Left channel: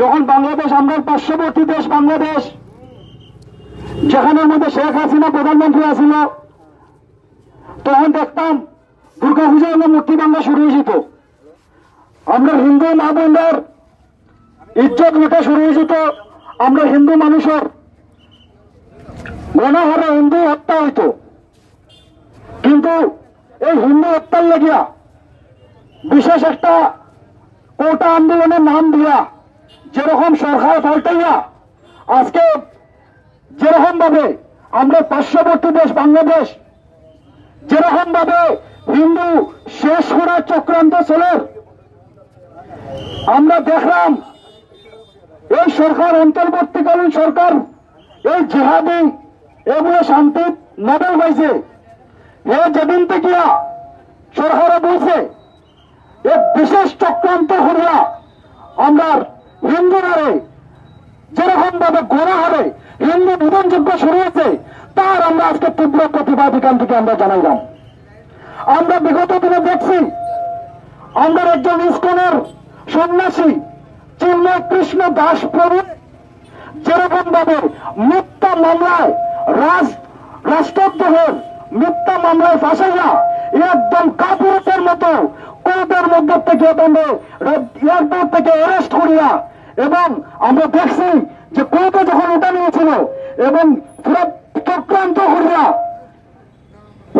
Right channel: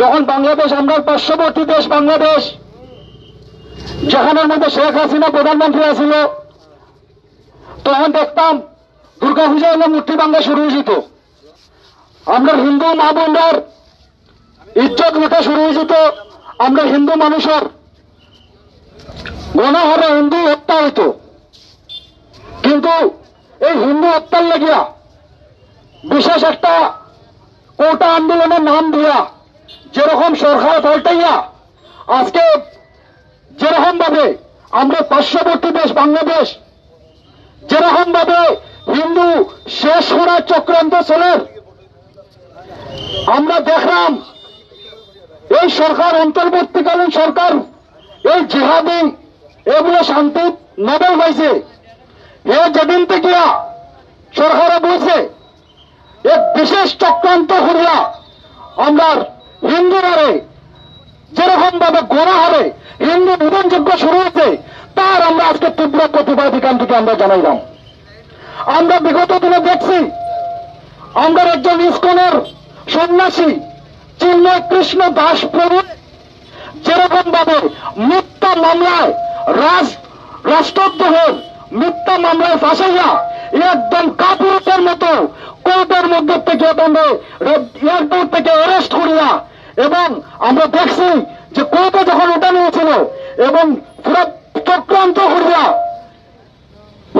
যখন বাংলাদেশ আমরা পার্শ্ববর্তী দেশ বাংলাদেশ, যেখানের মধ্যে শেখ হাসিনা প্রধানমন্ত্রী আছিল, তখন দেখতাম দুর্গাপূজা হলে মূর্তি ভাঙ্গা শুরু হয়েছিল। আমরা হিন্দু মা বোনদের ইজ্জত লেখা শুরু হয়েছিল। আমরা হিন্দু মানুষের গণহারে হিন্দু হত্যা হইত। কিন্তু এই হিন্দু হত্যার লাগিয়া বিশেষ একটা কোটা আন্দোলনের নাম দিয়া যেরকম সরকার পাল্টাইয়া আজকে যেরকম ভাবে আমরা পার্শ্ববর্তী দেশ বাংলাদেশ যেরকম ভাবে হিন্দু শেষ করার চক্রান্ত চলে, আমরা দেখলাম এই সরকার অন্তর্বর্তীকালীন সরকার এই জিহাদি এগুলো শান্তি নোবেল পাইছে। এ যেদিন থেকে সরকারে বলছে এক বিশেষ চক্রান্ত করিয়া আমরা হিন্দু হারে যেরকম ভাবে গোড়া হারে হিন্দু বিধানযোগ্য শুরু হয়েছে, তার আমরা আজকে তীব্র প্রতিবাদ এখান থেকে আমরা জানাইলাম। আমরা বিগত দিনে দেখছি আমরা একজন ইস্কনের সন্ন্যাসী চিন্ময় কৃষ্ণ দাস প্রভু যেরকম ভাবে মিথ্যা মামলায় রাষ্ট্রদ্রোহের মিথ্যা মামলায় ফাঁসাইয়া একদম কাপুরুষের মতো কোর্টের মধ্যে থেকে এয়ারপোর্ট থেকে অ্যারেস্ট করিয়া, এবং আমরা দেখছি যে কোর্টে যখন ওটা নিয়েছিল এবং পুরো চক্রান্ত করিয়া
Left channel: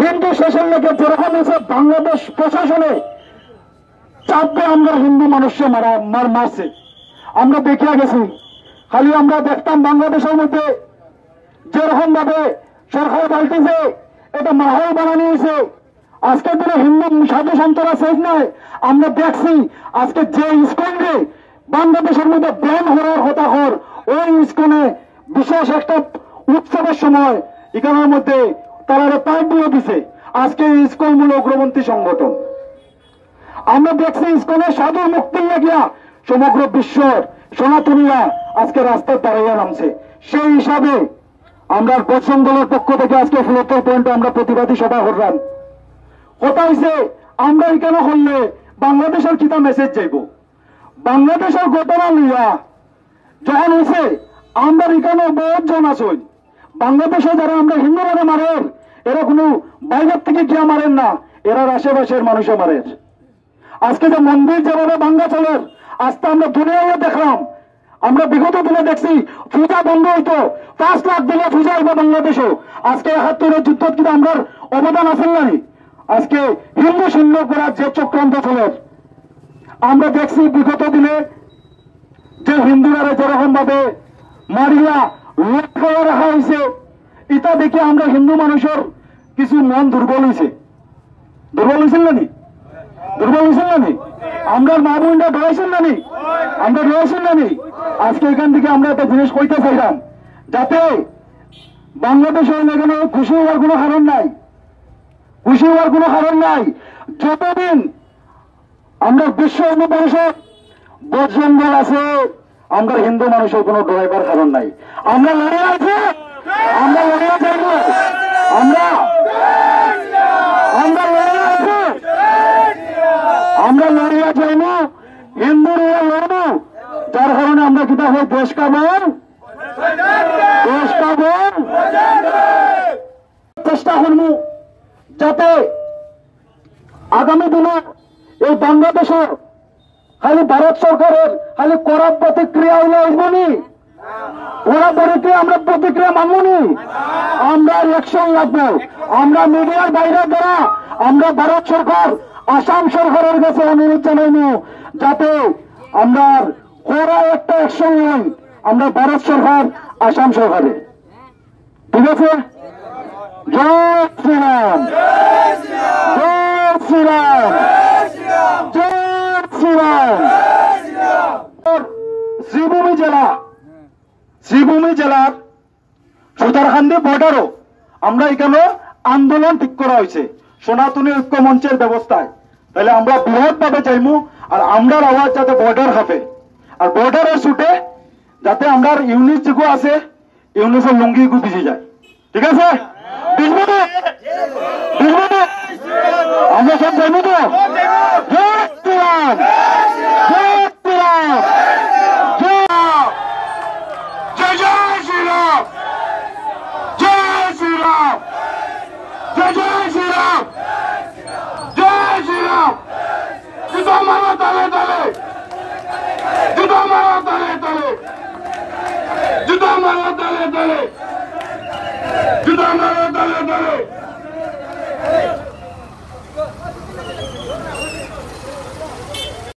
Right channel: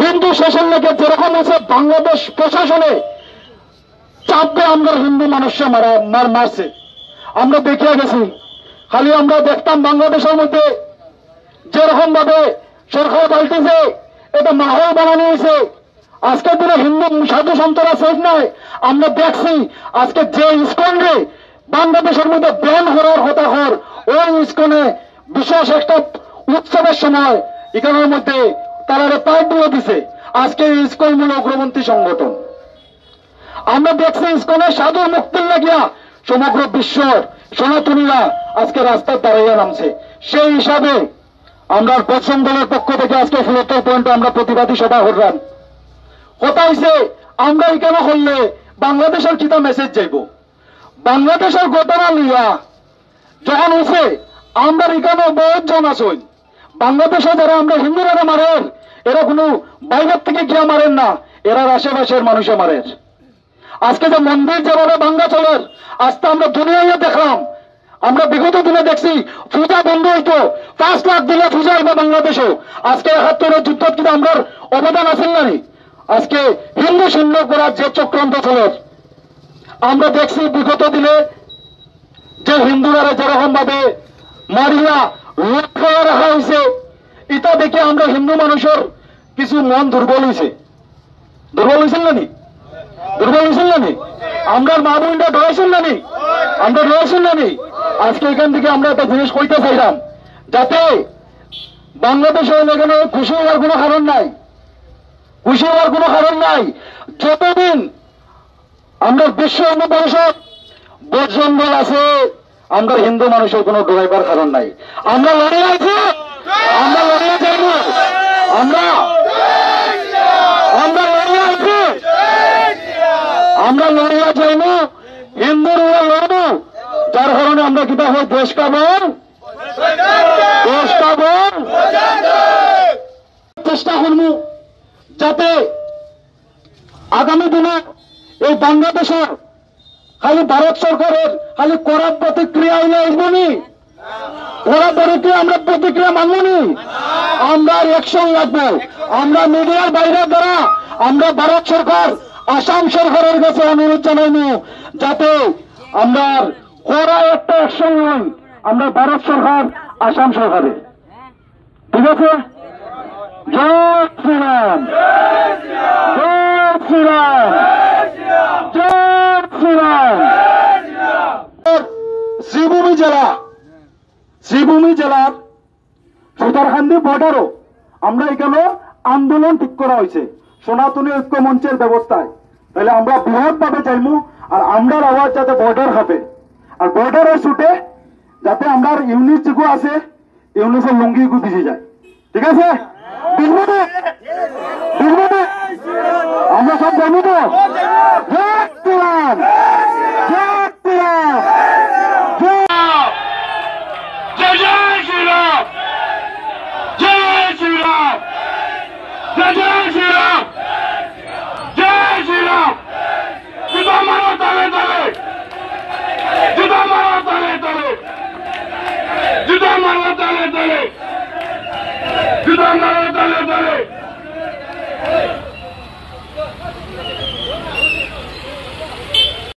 হিন্দু শেষের লেগে যেরকম আছে বাংলাদেশ প্রশাসনে চাপে আমরা হিন্দু মানুষকে মারছে আমরা দেখিয়া গেছি। খালি আমরা দেখতাম বাংলাদেশের মধ্যে যেরকম ভাবে সরকার পাল্টেছে, এটা মাহল বানানো হয়েছে। আজকের দিনে হিন্দু সাধু সন্তরা শেষ নয়। আমরা দেখছি আজকে যে ইস্কনরে বাংলাদেশের মধ্যে ব্যান হওয়ার হতাহর, ওই ইস্কনে বিশেষ একটা উৎসবের সময় এখানের মধ্যে তারা পাইপ দিয়ে দিছে। আজকে ইস্কন মূল অগ্রপন্থী সংগঠন। আমরা দেখছি ইস্কনের সাধু মুক্তির লাগিয়া সমগ্র বিশ্বের সনাতনীরা আজকে রাস্তায় দাঁড়াইয়া নামছে। সেই হিসাবে আমরা পশ্চিম দলের পক্ষ থেকে আজকে ফুলতর পয়েন্টে আমরা প্রতিবাদী সভা করলাম। কথা হয়েছে আমরা এখানে হলে বাংলাদেশের কিতা মেসেজ যাইব, বাংলাদেশের ঘটনা লইয়া যখন হয়েছে আমরা এখানে বহুত জন আসুন বাংলাদেশে যারা আমরা হিন্দুরা মারেন, এরা কোনো বাইরের থেকে গিয়া মারেন না, এরা আশেপাশের মানুষে মারেন। আজকে যে মন্দির যেভাবে ভাঙ্গা চলের আজকে আমরা দুনিয়ায় দেখলাম। আমরা বিগত দিনে দেখছি পূজা বন্ধ হইতো, 5 লাখ দিলে পূজা হইব বাংলাদেশে। আজকে 71 যুদ্ধ কিন্তু আমরা অবদান আছেন না। আজকে হিন্দু শূন্য করার যে চক্রান্ত চলের আমরা দেখছি বিগত দিনে যে হিন্দুরা যেরকম ভাবে মারিয়া লুট রাখা হয়েছে, এটা দেখে আমরা হিন্দু মানুষের কিছু মন দুর্বল হয়েছে। দুর্বল হয়েছেন না? দুর্বল হয়েছেন না? আমরা মা বোনরা ডরেছেন না? আমরা ডরেছেন না? আজকে এখান থেকে আমরা একটা জিনিস কইতে চাইলাম, যাতে বাংলাদেশের এখানে খুশি হওয়ার কোনো কারণ নাই, খুশি হওয়ার কোনো কারণ নাই। যতদিন আমরা বিশ্ব হিন্দু মানুষের বজরঙ্গল আছে, আমরা হিন্দু মানুষের কোনো ডরাইবার কারণ নাই। আমরা লড়ে আছি, আমরা লড়ে যাইব, আমরা লড়ে আছি, আমরা লড়িয়া যাইব, হিন্দুরা লড়ব। যার কারণে আমরা কিতা হয় দেশ পাবন চেষ্টা করব যাতে আগামী দিনে এই বাংলাদেশের খালি ভারত সরকারের খালি করার প্রতিক্রিয়া হইলে আসবনি, ওরা বড়কে আমরা প্রতিক্রিয়া মানবনি, আমরা অ্যাকশন লাগবো। আমরা মিডিয়ার বাইরে দ্বারা আমরা ভারত সরকার আসাম সরকারের কাছে অনুরোধ জানাইব যাতে আমরা কড়া একটা অ্যাকশন নয়, আমরা ভারত সরকার আসাম সরকারে। ঠিক আছে? জয় শ্রীরাম, জয় শ্রীরাম, জয় শ্রীরাম। শ্রীভূমি জেলার সুতারকান্দি বর্ডারও আমরা এখানে আন্দোলন ঠিক করা হয়েছে সনাতনী ঐক্য মঞ্চের ব্যবস্থায়। তাহলে আমরা বৃহৎ ভাবে চাইমু, আর আমরার আওয়াজ যাতে বর্ডার হবে, আর বর্ডারের ছুটে যাতে আমরা ইউনিট যেগু আছে ইউনিটের লুঙ্গি গু ভিজে যায়। ঠিক আছে? আমরা जय श्री राम, जय श्री राम। जुदा मारो ताले ताले, जुदा मारो ताले ताले, जुदा मारो ताले ताले, जुदा मारो ताले ताले।